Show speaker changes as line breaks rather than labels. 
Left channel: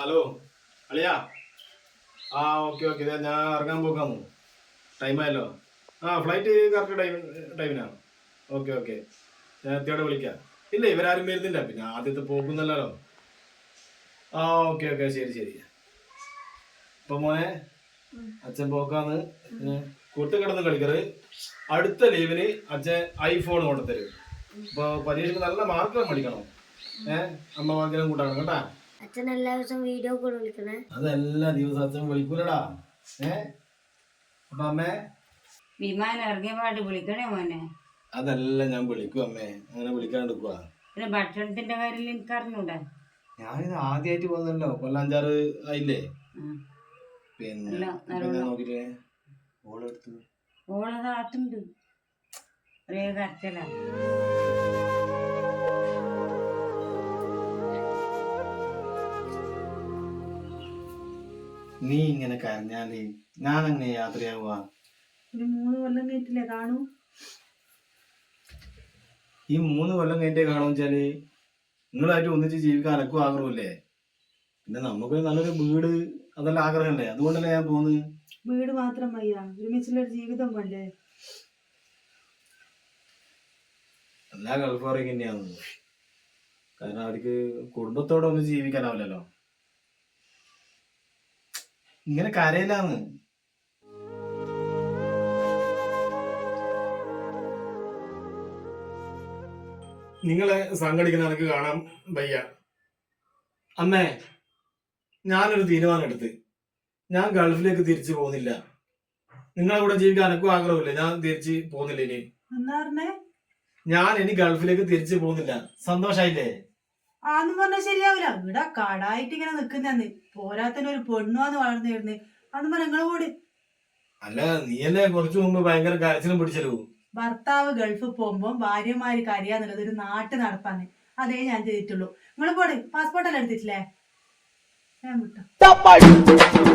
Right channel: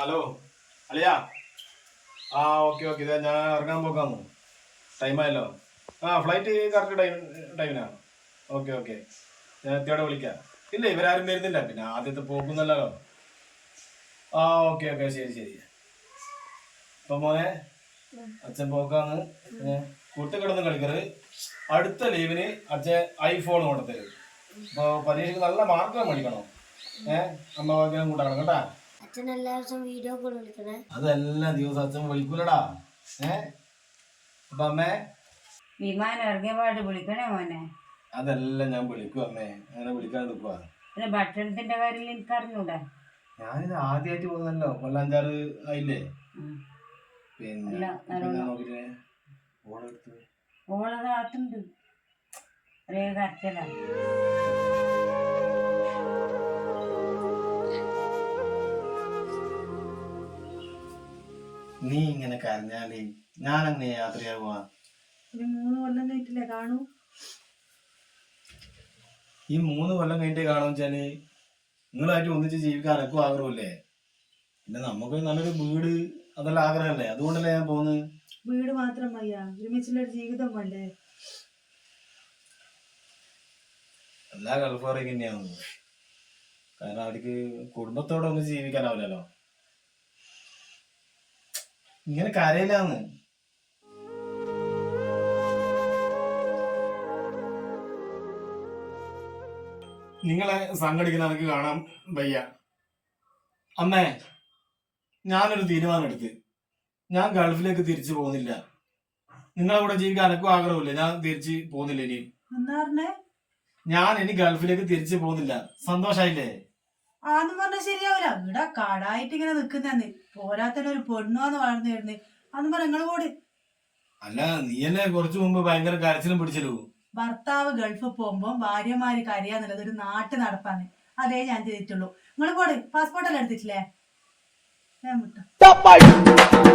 Hello അളിയാ. Okay okay, ഇതാ ഞാൻ ഇറങ്ങാൻ പോകാമോ? ടൈമായല്ലോ. ഫ്ലൈറ്റ് കറക്റ്റ് ടൈമിനാണ്. ഓക്കെ ഓക്കെ, ഞാൻ എത്തിയോടെ വിളിക്കാം. ഇല്ല, ഇവരാരും വരുന്നില്ല, പിന്നെ ആദ്യത്തെ പോകുന്നല്ലോ. ഓക്കെ ഓക്കെ, ശരി ശരി. ഇപ്പൊ മോനെ, അച്ഛൻ പോക്കാന്ന് കൂട്ടി കിടന്ന് കളിക്കറ്. അടുത്ത ലീവിന് അച്ഛൻ ഐഫോൺ കൊണ്ടുതരും. ഇപ്പൊ പരീക്ഷയ്ക്ക് നല്ല മാർക്ക് മേടിക്കണം. അമ്മ വാക്കിനും കൂട്ടാക്കണം കേട്ടാ.
അച്ഛൻ എല്ലാ ദിവസവും വീഡിയോ കോൾ വിളിക്കണേ.
അതെല്ലാ ദിവസം അച്ഛൻ വിളിക്കൂലടാ. അപ്പൊ അമ്മേ,
വിമാനം ഇറങ്ങിയ പാട് വിളിക്കണേ മോനെ.
അതെല്ലാം ഞാൻ വിളിക്കും അമ്മേ, അങ്ങനെ വിളിക്കാണ്ടിരിക്കുവാ.
പിന്നെ ഭക്ഷണത്തിന്റെ കാര്യം എനിക്ക് അറിഞ്ഞൂടെ?
ഞാനിത് ആദ്യമായിട്ട് പോകുന്നല്ലോ, കൊല്ലം 5-6 ആയില്ലേ. പിന്നെ നോക്കിട്ടേ ഓളെടുത്ത്
ഓള് നാട്ടുണ്ട് ഒരേ കരച്ചല.
നീ ഇങ്ങനെ കരഞ്ഞാല് ഞാൻ അങ്ങനെ യാത്രയാകുവാ?
3 കൊല്ലം കഴിഞ്ഞിട്ടില്ലേ കാണൂ?
ഈ 3 കൊല്ലം കഴിഞ്ഞിട്ടേ കാണും വെച്ചാല് നിങ്ങളായിട്ട് ഒന്നിച്ച് ജീവിക്കാൻ അനക്കും ആഗ്രഹമില്ലേ? പിന്നെ നമുക്ക് നല്ലൊരു വീട് അതെല്ലാം ആഗ്രഹമല്ലേ, അതുകൊണ്ടല്ലേ ഞാൻ പോകുന്നത്.
വീട് മാത്രം മയ്യ, ഒരുമിച്ചുള്ളൊരു ജീവിതം വേണ്ടേ?
എല്ലാ ഗൾഫാറൊക്കെ തന്നെയാണ്. കാരണം അവർക്ക് കുടുംബത്തോടെ ഒന്നും ജീവിക്കാനാവില്ലല്ലോ. ഇങ്ങനെ കരയില്ലാന്ന്. നിങ്ങളെ സംഘടിക്കുന്ന എനിക്ക് കാണാൻ വയ്യ. അമ്മേ, ഞാനൊരു തീരുമാനം എടുത്ത്, ഞാൻ ഗൾഫിലേക്ക് തിരിച്ചു പോകുന്നില്ല. നിങ്ങളെ കൂടെ ജീവിക്കാൻ എനക്കും ആഗ്രഹമില്ല, ഞാൻ തിരിച്ച് പോകുന്നില്ല. ഇനി
എന്താ പറഞ്ഞേ?
ഞാൻ ഇനി ഗൾഫിലേക്ക് തിരിച്ചു പോകുന്നില്ല. സന്തോഷായില്ലേ?
ആന്ന് പറഞ്ഞാൽ ശരിയാവില്ല. ഇവിടെ കടായിട്ട് ഇങ്ങനെ നിക്കുന്നന്ന് പോരാത്തനൊരു പെണ്ണുവാന്ന് വളർന്നിരുന്ന് അന്ന് പറഞ്ഞ നിങ്ങള് കൂടി.
അല്ല, നീയല്ലേ കുറച്ചു മുമ്പ് ഭയങ്കര കരച്ചിലും പിടിച്ചല്ലോ.
ഭർത്താവ് ഗൾഫിൽ പോകുമ്പോ ഭാര്യമാര് കരയാന്നുള്ളത് ഒരു നാട്ടു നടപ്പാന്ന്. അതേ ഞാൻ ചെയ്തിട്ടുള്ളൂ. നിങ്ങള് പോട്, പാസ്പോർട്ടെല്ലാം എടുത്തിട്ടില്ലേ? ഞാൻ വിട്ടു.